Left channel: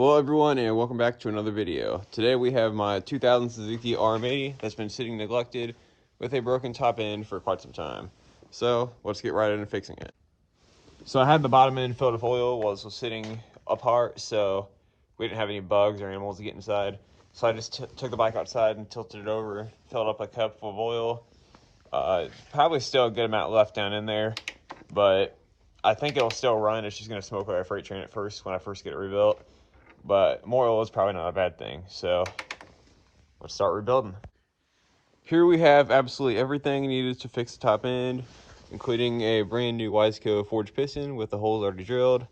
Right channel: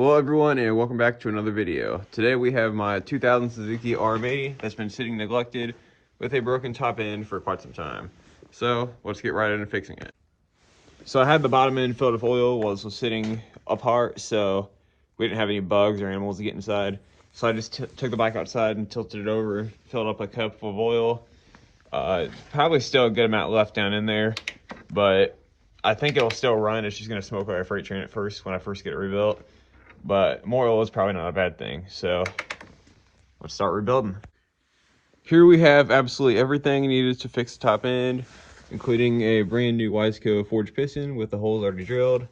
Hello everyone and welcome back to another video. Today we have my 2000 Suzuki RM80 that's been sitting neglected with a broken top end for quite some time. So let's get right into fixing it. So I had the bottom end filled with oil while this was sitting apart, so we didn't have any bugs or animals to get inside. So I just took the bike outside and tilted it over, filled up a cup full of oil. Probably still a good amount left down in there, but I think it'll still run. It's just going to smoke like a freight train at first when I first get it rebuilt. But more oil is probably not a bad thing, so let's start rebuilding. Here we have absolutely everything needed to fix the top end, including a brand new Wiseco forged piston with the holes already drilled,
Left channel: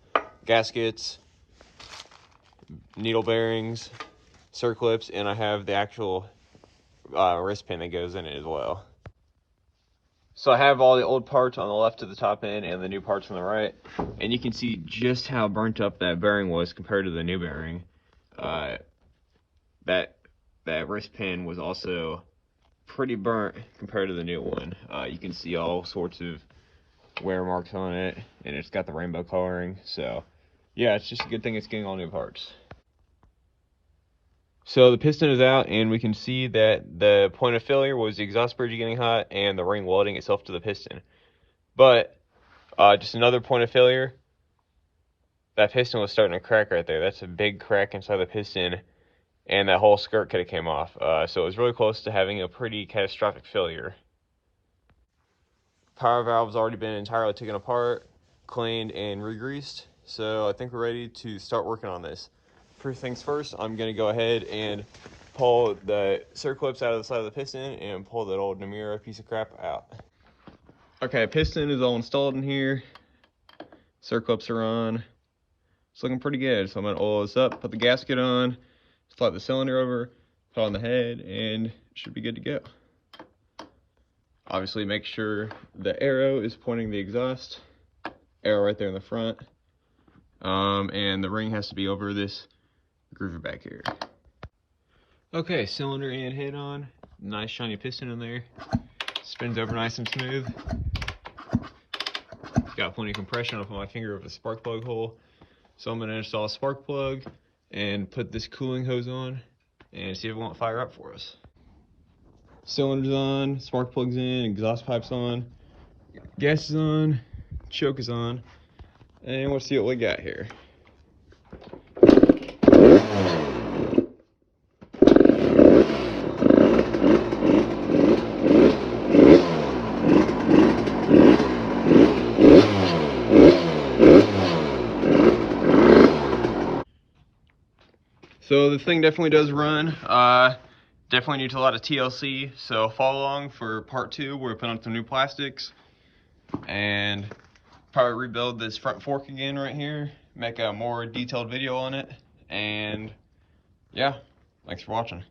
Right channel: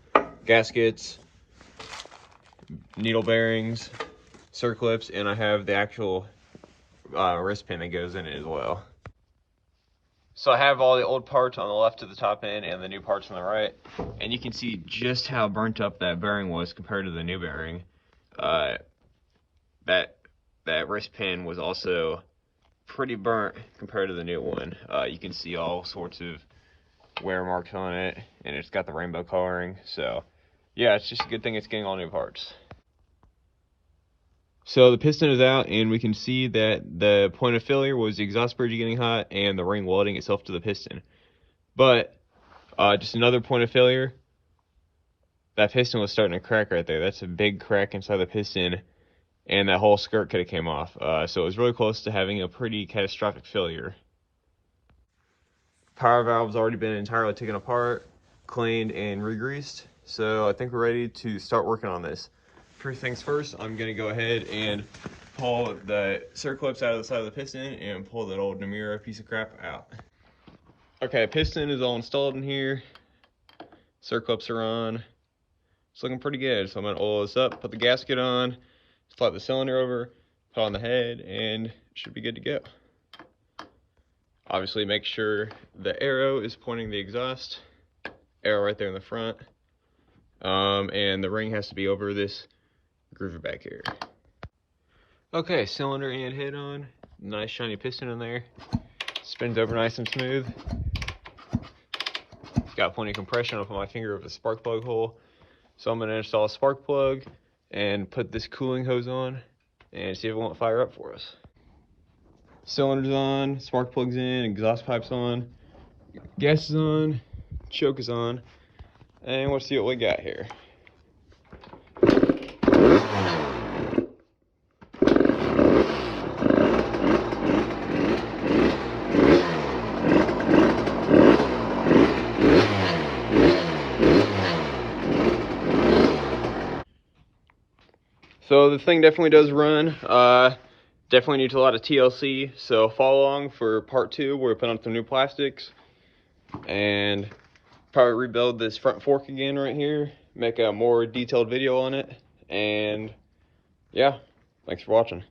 gaskets, needle bearings, circlips, and I have the actual wrist pin that goes in it as well. So I have all the old parts on the left of the top end and the new parts on the right, and you can see just how burnt up that bearing was compared to the new bearing. That wrist pin was also pretty burnt compared to the new one. You can see all sorts of wear marks on it, and it's got the rainbow coloring. So yeah, it's just a good thing it's getting all new parts. So the piston is out, and we can see that the point of failure was the exhaust bridge getting hot and the ring welding itself to the piston. But just another point of failure, that piston was starting to crack right there. That's a big crack inside the piston, and that whole skirt could have came off. So it was really close to having a pretty catastrophic failure. Power valve's already been entirely taken apart, cleaned, and re-greased. So I think we're ready to start working on this. First things first, I'm gonna go ahead and pull the circlips out of the side of the piston and pull that old Namura piece of crap out. Okay, piston is all installed in here. Circlips are on. It's looking pretty good. So I'm gonna oil this up, put the gasket on, slide the cylinder over, put on the head, and it should be good to go. Obviously make sure the arrow is pointing the exhaust, arrow right there in the front, and the ring has to be over this groover back here. Okay, cylinder and head on, nice shiny piston in there, spins over nice and smooth. Got plenty of compression. I'll put my finger over the spark plug hole. So I'm going to install a spark plug and put this cooling hose on and see if it won't fire up for us. Cylinder's on, spark plug's in, exhaust pipe's on, gas is on, choke is on, and we'll see what we got here. So the thing definitely does run. Definitely needs a lot of TLC, so follow along for part 2 where we put on some new plastics and probably rebuild this front fork again right here, make a more detailed video on it, and yeah, thanks for watching.